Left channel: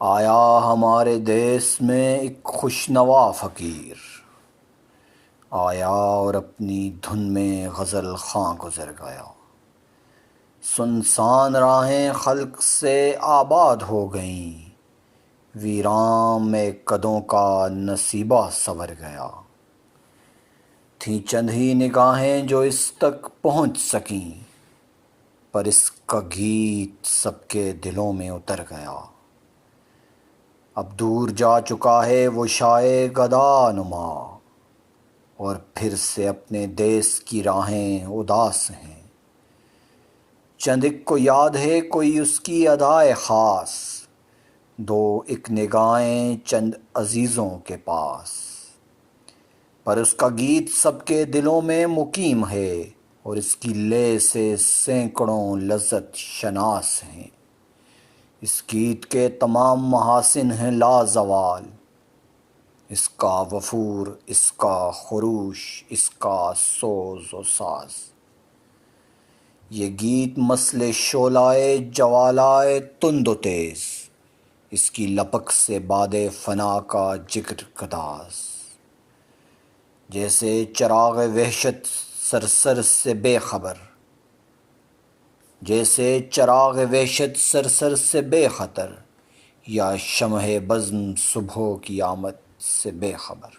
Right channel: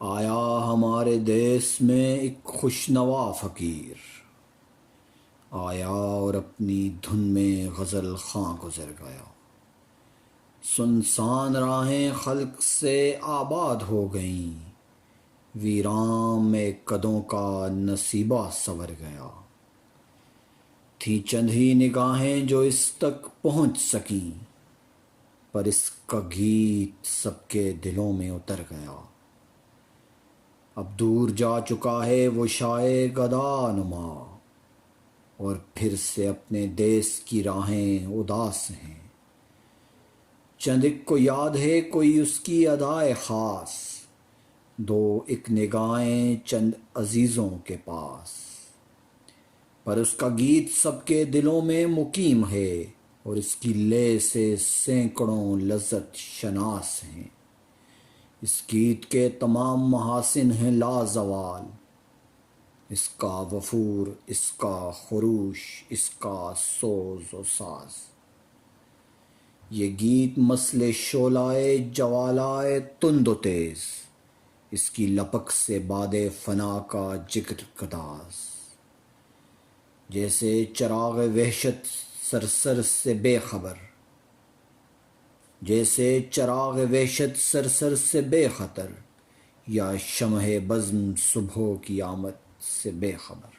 آیا ہمارے دیس میں ایک خوشنوا فقیر، آیا اور اپنی دھن میں غزل خواں گزر گیا۔ سنسان راہیں خلق سے آباد ہو گئیں، ویران میں قدوں کا نصیبہ سنور گیا۔ تھیں چند ہی نگاہیں جو اس تک پہنچ سکیں، پر اس کا گیت سب کے دلوں میں اتر گیا۔ اب دور جا چکا ہے وہ شائے گدا نما، اور پھر سے اپنے دیس کی راہیں اداس ہیں۔ چند ایک کو یاد ہے کوئی اس کی ادائے خاص، دو ایک نگاہیں چند عزیزوں کے پاس۔ پر اس کا گیت سب کے دلوں میں مقیم ہے، اور اس کی لے سے سینکڑوں لذت شناس ہیں۔ اس گیت کے تمام محاسن ہیں لازوال، اس کا وفور، اس کا خروش، اس کا سوز و ساز۔ یہ گیت مثل شعلۂ جوالائے تند و تیز، اس کی لپک سے باد فنا کا جگر گداز۔ جیسے چراغ وحشت سرسر سے بے خبر، جیسے چراغ وحشت سرسر سے بے خطر، یا شمع بزم صبح کی آمد سے بے خبر۔